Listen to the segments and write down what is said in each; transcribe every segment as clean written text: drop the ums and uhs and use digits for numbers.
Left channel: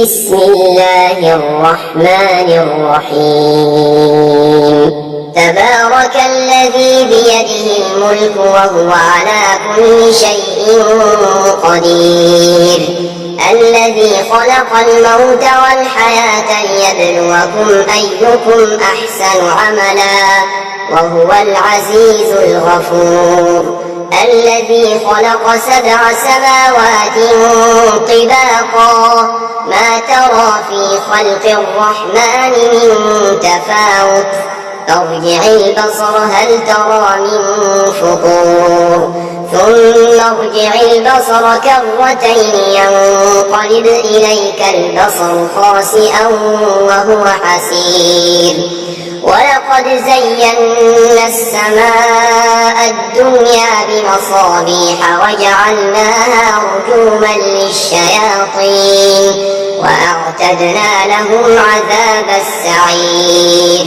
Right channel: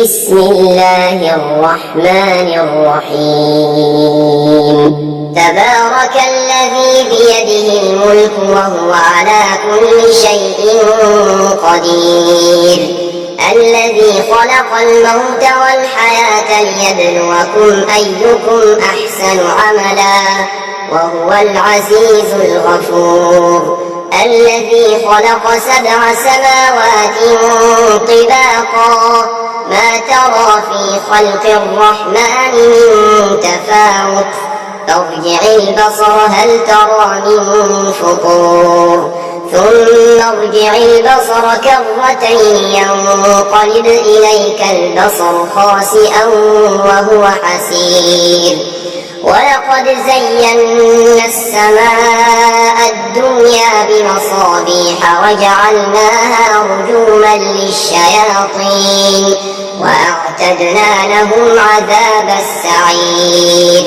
بسم الله الرحمن الرحيم تبارك الذي بيده الملك وهو على كل شيء قدير الذي خلق الموت والحياة ليبلوكم أيكم أحسن عملا وهو العزيز الغفور الذي خلق 7 سماوات طباقا ما ترى في خلق الرحمن من تفاوت ارجع البصر هل ترى من فطور ثم ارجع البصر كرتين ينقلب إليك البصر خاسئا وهو حسير ولقد زينا السماء الدنيا بمصابيح وجعلناها رجوما للشياطين وأعتدنا لهم عذاب السعير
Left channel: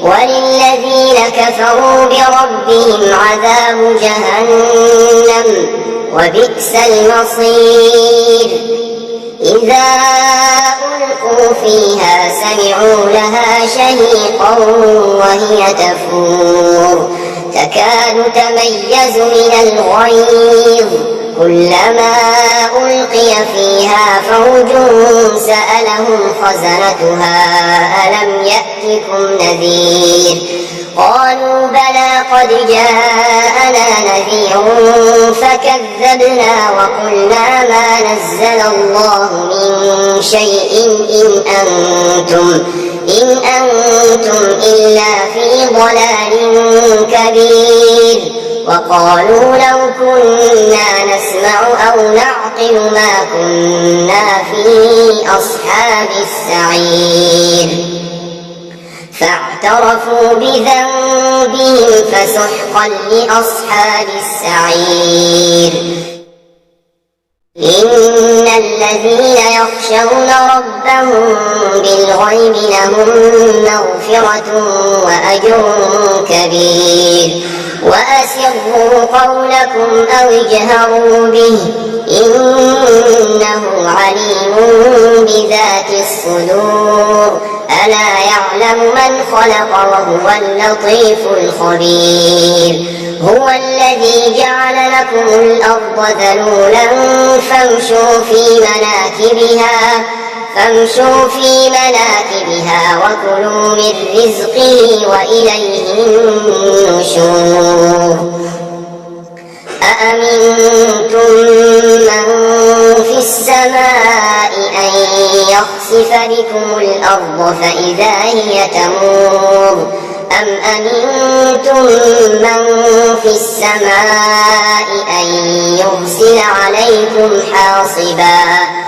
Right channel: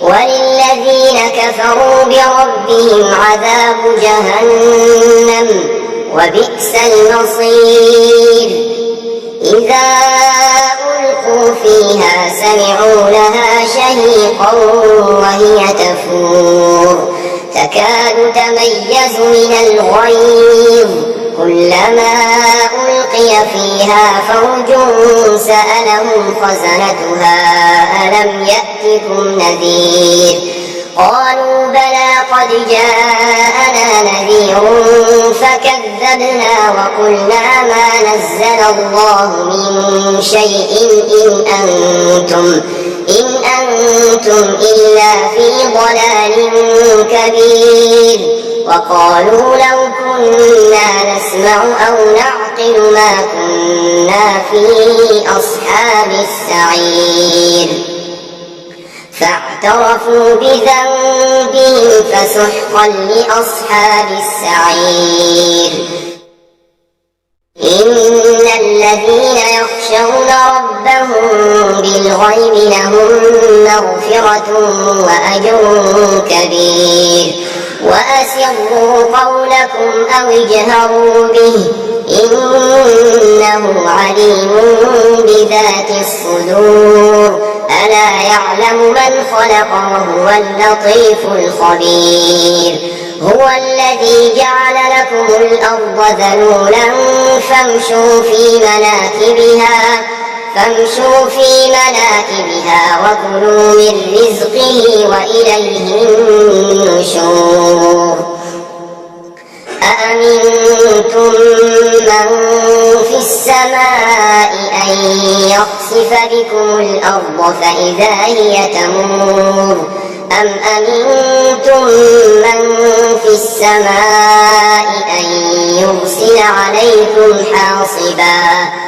وللذين كفروا بربهم عذاب جهنم وبئس المصير إذا ألقوا فيها سمعوا لها شهيقا وهي تفور تكاد تميز من الغيظ كلما ألقي فيها فوج سألهم خزنتها ألم يأتكم نذير قالوا بلى قد جاءنا نذير فكذبنا وقلنا ما نزل الله من شيء إن أنتم إلا في ضلال كبير وقالوا لو كنا نسمع أو نعقل ما كنا في أصحاب السعير فاعترفوا بذنبهم فسحقا لأصحاب السعير إن الذين يخشون ربهم بالغيب لهم مغفرة وأجر كبير وأسروا قولكم أو اجهروا به إنه عليم بذات الصدور ألا يعلم من خلق وهو اللطيف الخبير هو الذي جعل لكم الأرض ذلولا فامشوا في مناكبها وكلوا من رزقه وإليه النشور أأمنتم من في السماء أن يخسف بكم الأرض فإذا هي تمور أم أمنتم من في السماء أن يرسل عليكم حاصبا